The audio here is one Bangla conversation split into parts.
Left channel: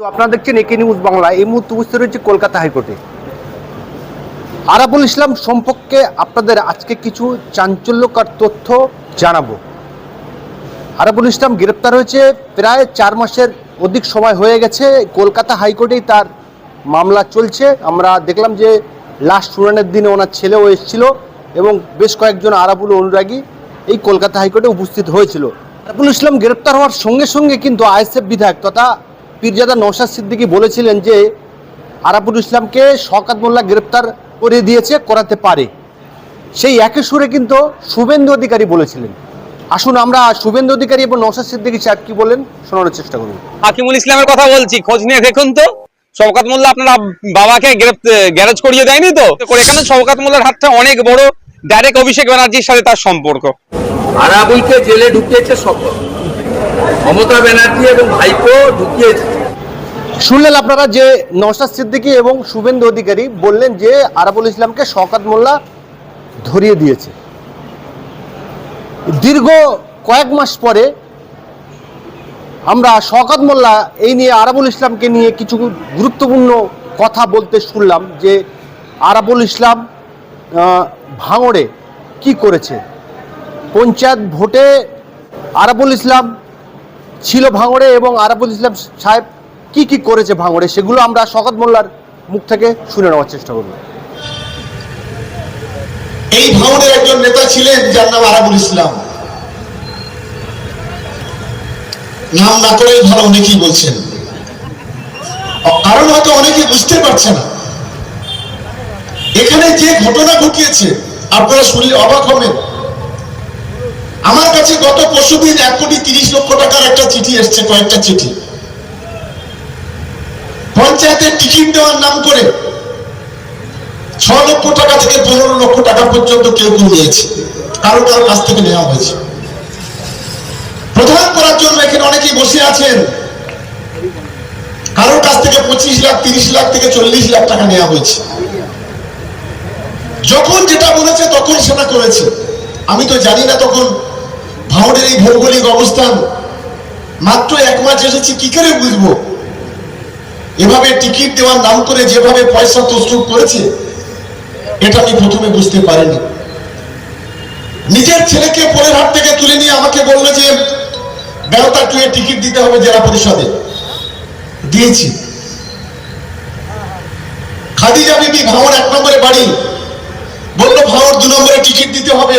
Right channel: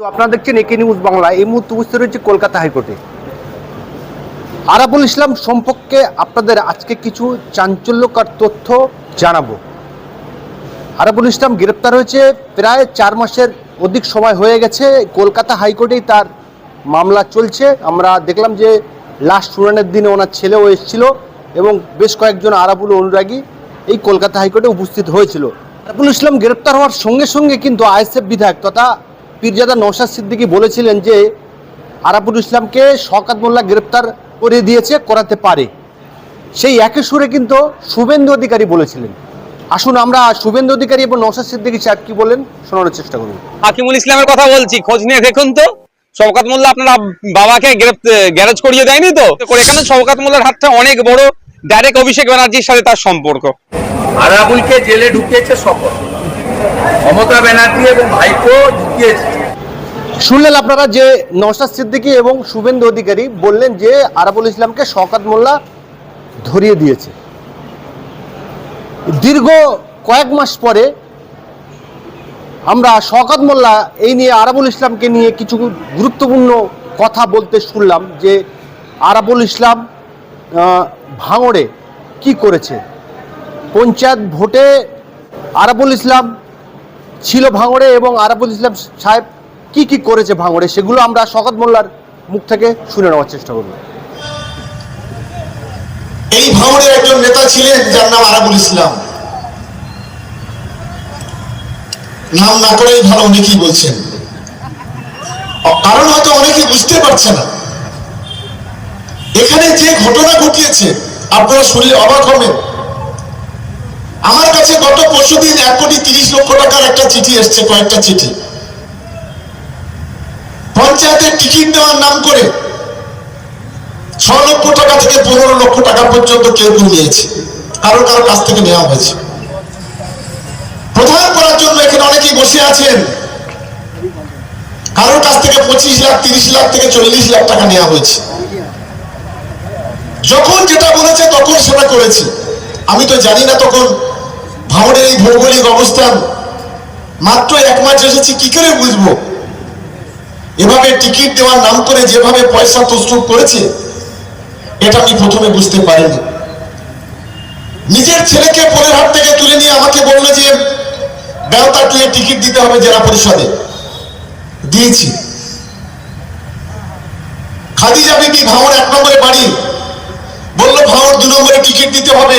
তো আপনারা দেখছেন একে নিউজ বাংলা। এই মুহূর্তে উপস্থিত রয়েছে কলকাতা হাইকোর্টে। আরাবুল ইসলাম সম্পর্কে আপনাদের আজকে কিছু চাঞ্চল্যকর তথ্য জানাব। আরাবুল ইসলাম গ্রেপ্তার হয়েছে প্রায় চার মাসের অধিক সময় হয়ে গেছে। কলকাতা হাইকোর্টেই তার মামলা চলছে। আমরা দেখলাম যে লাস্ট শুনানির দিনে ওনার ছেলেও এসেছিল এবং বেশ কয়েকজন আরাবুল অনুরাগী এই কলকাতা হাইকোর্টে উপস্থিত হয়েছিল। আরাবুল ইসলাম গ্রেপ্তার হওয়ার সঙ্গে সঙ্গে কিন্তু আইএসএফ বিধায়ক তথা পীরজাদা নৌসাদ সিদ্দিকী বলেছিলেন যে আরাবুল ইসলামকে শওকাত মোল্লা গ্রেপ্তার করে দিয়েছে করাতে পারে। সেই একই সুরে কিন্তু শুভেন্দু অধিকারী বলেছিলেন। আসুন আমরা শুভেন্দু অধিকারী এবং নৌসাদ সিদ্দিকী সাহেব কি বলেন শোনানোর চেষ্টা করুন। হাকিমুল ইসলামের কথা বলছি খোঁজ নিয়ে দেখুন তো। শওকাত মোল্লা আপনার বাবাকে গ্যারেজ করিয়ে দেয়নি তো? তো এখানে শওকাত মোল্লার হাতটা অনেক বড় ডাইরেক্ট অভিষেক ব্যানার্জির সাথে তার সম্পর্ক? আরাবুলকে জেলে ঢুকিয়েছে শপথ মমতা ব্যানার্জি এবং ভাইপো ঢুকিয়েছে। শুনলেন আপনারা যে নৌসাদ সিদ্দিকী এবং শুভেন্দু অধিকারী বললেন যে আরাবুল ইসলামকে শওকাত মোল্লা ধরিয়ে দিয়েছে। দীর্ঘ কয়েক মাস পরে আমরা শওকাত মোল্লা এই নিয়ে আরাবুল ইসলামকে নিয়ে কিছু গুরুত্বপূর্ণ কথা বলতে শুনলাম যে আরাবুল ইসলাম ভাঙড়ে কি করেছে? পঞ্চায়েত ভোটে আরাবুল ইসলাম ছিল ভাঙড়ে এবং আরাবুল ইসলাম সাহেব কি কি করেছে ভাঙড়ে সেগুলো আমরা শকত মোল্লার মুখ থেকে শুনে নেওয়ার চেষ্টা করব। এই ভাঙড়ের একজন নেতা ছিলেন, যার নাম আরাবুল ইসলাম। নাম না করেই ভালো অনেকেই বলছেন। কারণ হয়তো অনেকে বুঝতে পারছে না। এখানে যে ঘটনা ঘটিয়েছে, আপনারা শুনলে অবাক হবেন। কাছে গত পরশুদিন এক কোটি তিরিশ লক্ষ টাকার একটা চিঠি এসছে, কয়েকটা চিঠি। পঞ্চায়েতের টিকিট দেওয়ার নাম করে ছ লক্ষ টাকা থেকে পনেরো লক্ষ টাকা পর্যন্ত কেউ কেউ নিয়েছে কারও কারও কাছ থেকে নেওয়া হয়েছে। প্রধান করার জন্য এখানে অনেকেই বসে আছেন। কারোর কাছ থেকে পঁচিশ লাখ, তিরিশ লাখ থেকে চল্লিশ লাখ টাকা নেওয়া হয়েছে। যখন যেটা বলেছে তখন সেটা করেছে। আমি তো জানি না তখন ভাঙড়ের এই ভৌগোলিক অবস্থান, মাত্র এক মাস এসেছি, কি করে বুঝব? এভাবে টিকিট দেওয়ার নাম করে যেভাবে পয়সা তসরুপ করেছে, এটা আমি প্রথমে বুঝতে পারিনি। নিজের ছেলেকে পরের হাট থেকে তুলে নিয়ে আমাকে বলল যে বেড়াতা টুয়ে টিকিট দিতে হবে জেলা পরিষদে। দিয়েছি। খাদিজা বিবি ভাওয়ার এক নম্বরে বাড়ি। বলল ভাওয়ার দু নম্বরে টিকিট দিতে হবে।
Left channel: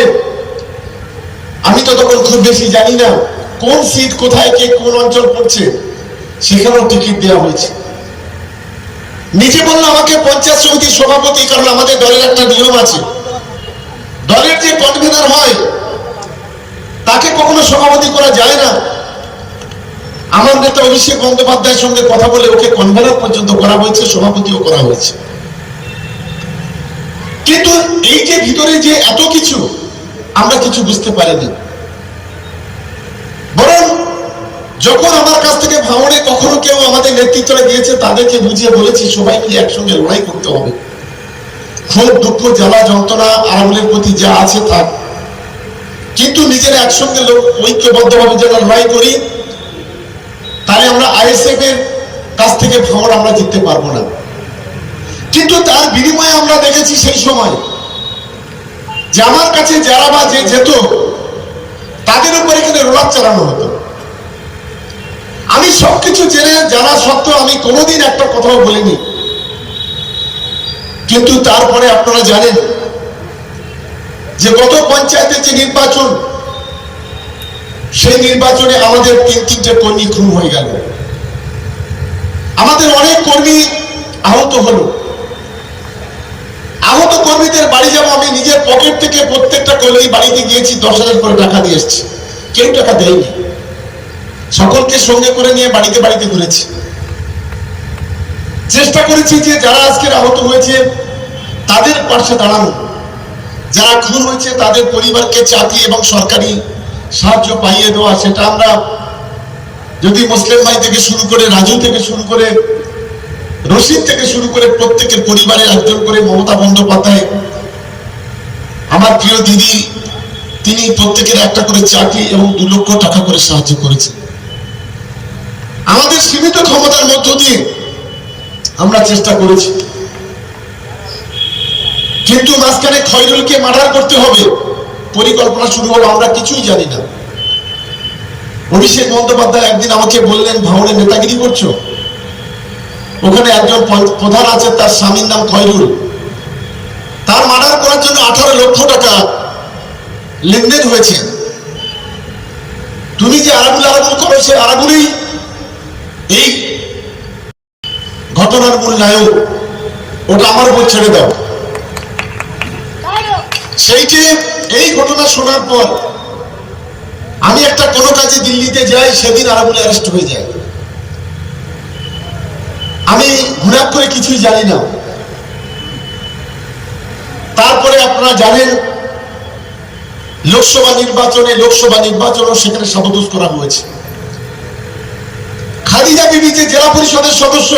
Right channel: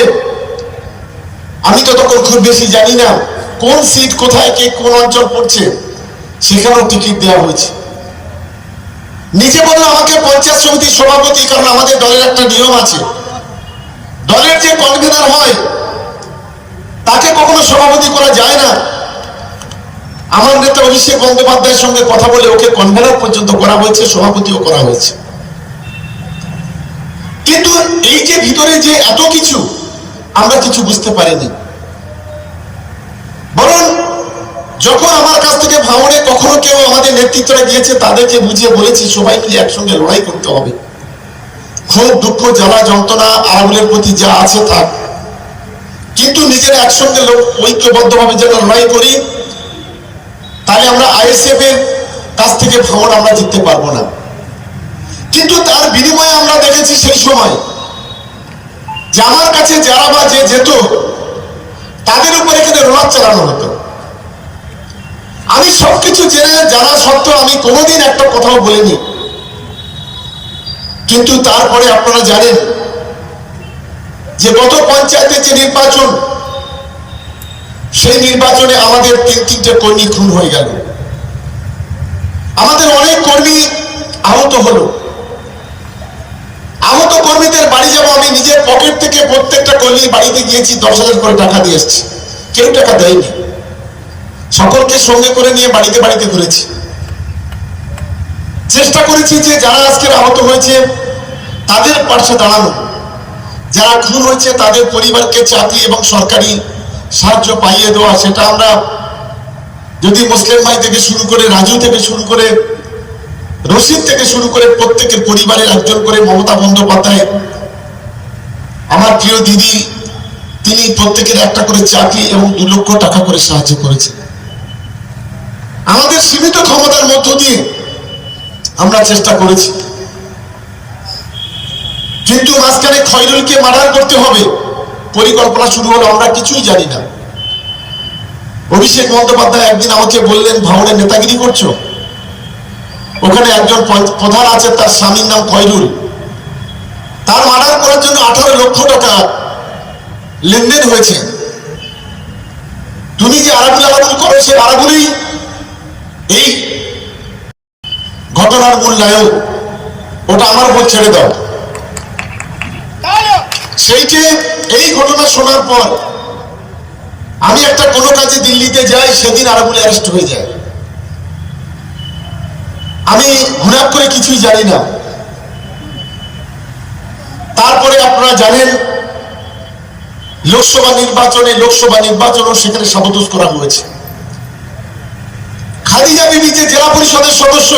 আমি তো তখন খুব বেশি জানি না কোন সিট কোথায় কে কোন অঞ্চল পড়ছে। সেখানেও টিকিট দেওয়া হয়েছে। নিজে বলল, আমাকে পঞ্চায়েত সমিতির সভাপতি, কারণ আমাদের দলের একটা নিয়ম আছে। দলের যে কনভিনার হয়, তাকে কখনো সভাপতি করা যায় না। আমার নেতা অভিষেক বন্দ্যোপাধ্যায়ের সঙ্গে কথা বলে ওকে কনভেনার পর্যন্ত করা হয়েছে, সভাপতিও করা হয়েছে। কিন্তু এই যে ভিতরে যে এত কিছু আমরা কিছু বুঝতে পারিনি। বরং যখন আমার কাছ থেকে ভাঙনে কখনো কেউ আমাদের নেতৃত্বরা দিয়েছে তাদেরকে বুঝিয়ে বলেছি, সবাইকে একসঙ্গে লড়াই করতে হবে। ক্ষোভ দুঃখ, জ্বালা, যন্ত্রণা আরামের প্রতি যা আছে থাক। কিন্তু নিজেরা একসঙ্গে ঐক্যবদ্ধভাবে যেন লড়াই করি, তাহলে আমরা আইএসএফ এর কাছ থেকে ভাঙন আমরা জিততে পারব না। কিন্তু তার বিনিময়ে আমরা দেখেছি সেই সময় যে আমার কাছে যারা বা যে যেত, তাদের উপরে এখানে রোলার চালানো হতো। আমি সবকিছু জেনে, জানা সত্ত্বেও আমি কোনোদিন একটা কথাও বলিনি। কিন্তু তারপরে আপনারা জানেন যে গত পঞ্চায়েতের যে নির্বাচন, সেই নির্বাচনে আমাদের তিন তিনটে কর্মী খুন হয়ে গেল। আমাদের অনেক কর্মী আহত হলো। কর্মীদের বাড়ি যাব, আমি নিজের পকেট থেকে প্রত্যেকটা কর্মী বাড়িতে গিয়েছি, দশ হাজার করে টাকা দিয়ে এসছি। কেউ টাকা দেয়নি। সকলকে সঙ্গে করে নিয়ে বাড়িতে বাড়িতে ঘুরেছি। চেষ্টা করেছি যে যারা আজকে আহত হয়েছে, তাদের পাশে দাঁড়ানো। যারা খুন হয়েছে, তাদের পরিবারকে চাকরি এবং সরকারি সাহায্য পাইয়ে দেওয়া, সেটা আমরা যদি মুসলিম ভাই থেকে শুরু করে রাজু থেকে শুরু করে রশিদ থেকে শুরু করে প্রত্যেকের পরিবারের একজন করে মমতা বন্দ্যোপাধ্যায়, আমার প্রিয় দিদি, তিনি প্রত্যেকের একটা করে চাকরি এবং দু লক্ষ টাকা করে সাহায্য করেছেন। আমাদের সীমিত ক্ষমতার মধ্য দিয়ে আমরা চেষ্টা করেছি। কিন্তু মাঝখানে খয়রুলকে মার্ডার করতে হবে, পরিকল্পনা শুরু হলো, আমরা কিছুই জানি না। অভিষেক বন্দ্যোপাধ্যায় একদিন আমাকে বললেন ভাঙড়ে নেতাগিরি করছ? ওখানে একজন প্রধান আছে, তার স্বামীর নাম খয়রুল। তার মার্ডার করার জন্য আঠারো লক্ষ টাকা লেনদেন হয়েছে। তুমি যে আরাবুল আরাবুল করো, সে আরাবুলি এই ঘটনার মূল নায়ক। ওটা আমার উপর ছেড়ে দাও। সেইটি এই ঘটনা শোনার পর আমি একটা কোনো কাজে দিল্লিতে যাই, সেদিন আরাবুলি অ্যারেস্ট হয়ে যায়। আমি ঘুরাপ করে কিছুই জানি না। তারপরে আপনারা জানেন, লোকসভা নির্বাচনে লোকসভা নির্বাচনও সেখানে সাবদোষ করা হয়েছে। খাদিজা বিবি যে জেলা পরিষদের সদস্য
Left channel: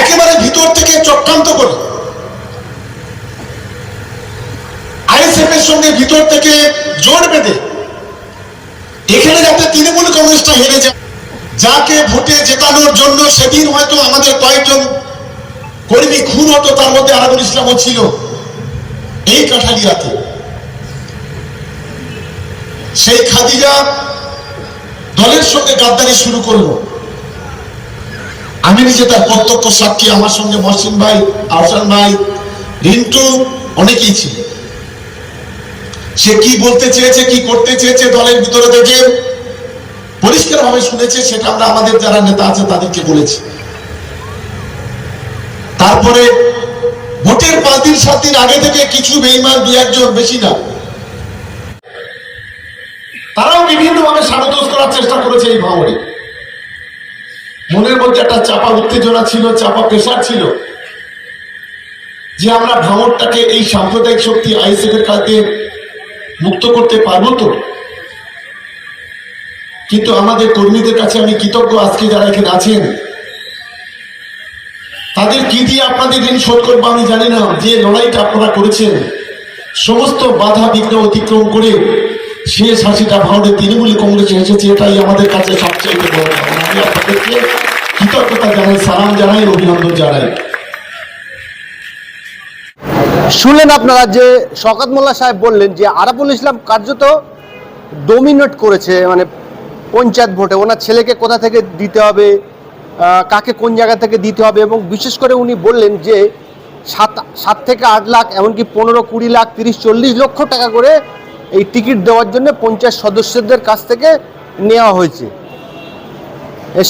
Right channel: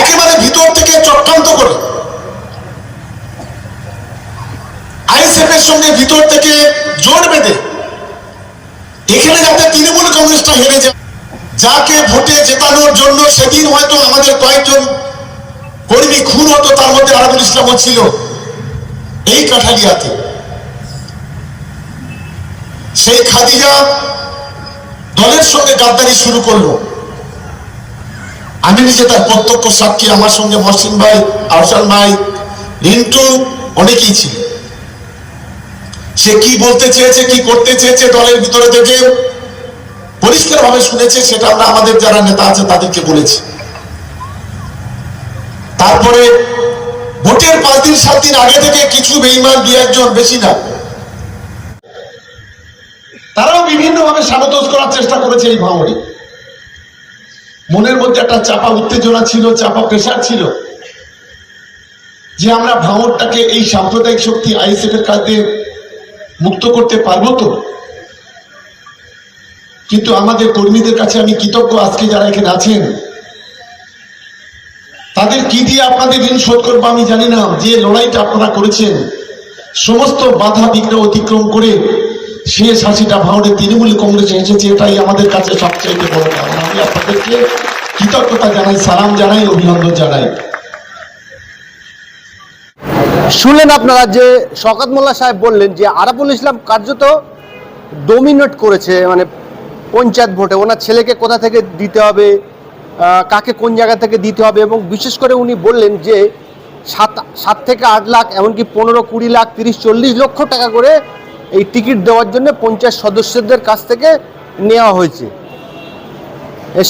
একেবারে ভিতর থেকে চক্রান্ত করে আইএসএফ এর সঙ্গে ভিতর থেকে জোর বেঁধে এখানে যাতে তৃণমূল কংগ্রেসটা হেরে যায়। যাকে ভোটে জেতানোর জন্য সেদিন হয়তো আমাদের কয়েকজন কর্মী খুন হতো, তার মধ্যে আরবুল ইসলামও ছিল এই কাঠালিয়াতে। সেই খাদিজা দলের সঙ্গে গাদ্দারি শুরু করল। আমি নিজে তার প্রত্যক্ষ সাক্ষী, আমার সঙ্গে মহসিন ভাই, আহসান ভাই, রিন্টু অনেকেই ছিল। সে কি বলতে চেয়েছে, কি করতে চেয়েছে দলের ভিতরে থেকে পরিষ্কার ভাবে শুনেছে, সেটা আমরা আমাদের যারা নেতা আছে তাদেরকে বলেছি। তারপরে ভোটের পাঁচ দিন, সাত দিন আগে থেকে কিছু বেইমান, দু একজন বেশি না। তারাও বিভিন্ন ভাবে সাবতোষ করার চেষ্টা করেছে এই ভাঙড়ে। মনের মধ্যে একটা চাপা উত্তেজনা ছিল, চাপা প্রেশার ছিল যে আমরা ভাঙরটাকে এই সাম্প্রদায়িক শক্তি আইএসএফ এর কাছে মুক্ত করতে পারব তো? কিন্তু আমাদের কর্মীদের কাছে আমি কৃতজ্ঞ আজকে যারা এখানে আছেন। তাদের কি দিয়ে আপনাদের ঋণ শোধ করব আমি জানি না। যে লড়াইটা আপনারা করেছেন, সমস্ত বাধা বিঘ্ন অতিক্রম করে শেষ হাসিটা ভারতের তৃণমূল কংগ্রেসে এসেছে, এটাই আমাদের কাছে সবচেয়ে বড় পাওনা আমি আপনাদেরকে কৃতজ্ঞতা জানাই, সালাম জানাই, অভিনন্দন জানাই। শুনলেন আপনারা যে শকাত মোল্লা সাহেব বললেন যে আরাবুল ইসলাম কার্যত ডোমিনেট করেছে মানে পঞ্চায়েত ভোটে, ওনার ছেলেকে কোথা থেকে দিতে হবে কাকে কোন জায়গা থেকে দিতে হবে এবং বিশেষ করে উনি বললেন যে সাত সাত থেকে আট লাখ, এমনকি পনেরো কুড়ি লাখ, তিরিশ, চল্লিশ লক্ষ টাকা করে এই টিকিট দেওয়ার জন্য পঞ্চায়েত সদস্যদের কাছ থেকে নেওয়া হয়েছে।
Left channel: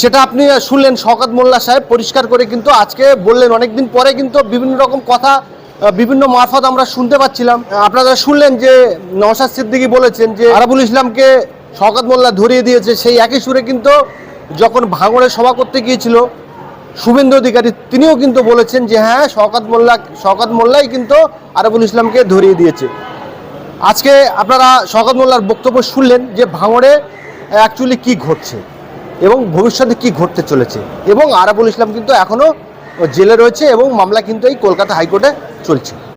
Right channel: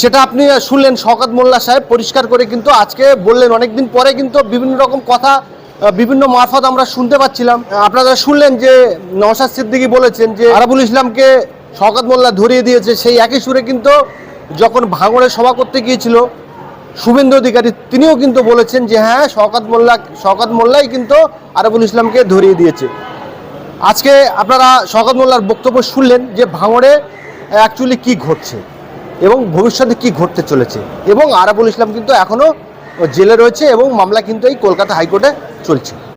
সেটা আপনি শুনলেন শওকত মোল্লা সাহেব, পরিষ্কার করে কিন্তু আজকে বললেন, অনেকদিন পরে কিন্তু বিভিন্ন রকম কথা বিভিন্ন মারফত আমরা শুনতে পাচ্ছিলাম। আপনারা শুনলেন যে নওশাদ সিদ্দিকী বলেছেন যে আরাবুল ইসলামকে শওকত মোল্লা ধরিয়ে দিয়েছে, সেই একই সুরে কিন্তু যখন ভাঙড়ে সভা করতে গিয়েছিল, শুভেন্দু অধিকারী, তিনিও কিন্তু বলেছেন যে হ্যাঁ শওকত মোল্লা, শওকত মোল্লাই কিন্তু আরাবুল ইসলামকে ধরিয়ে দিয়েছে। আজকে আপনারা শওকত মোল্লার বক্তব্য শুনলেন যে ভাঙড়ে অ্যাকচুয়ালি কি ঘটছে এবং ভবিষ্যতে কি ঘটতে চলেছে এবং আরাবুল ইসলাম কিন্তু এখনও জেলে রয়েছে এবং মামলা কিন্তু এই কলকাতা হাইকোর্টে চলছে।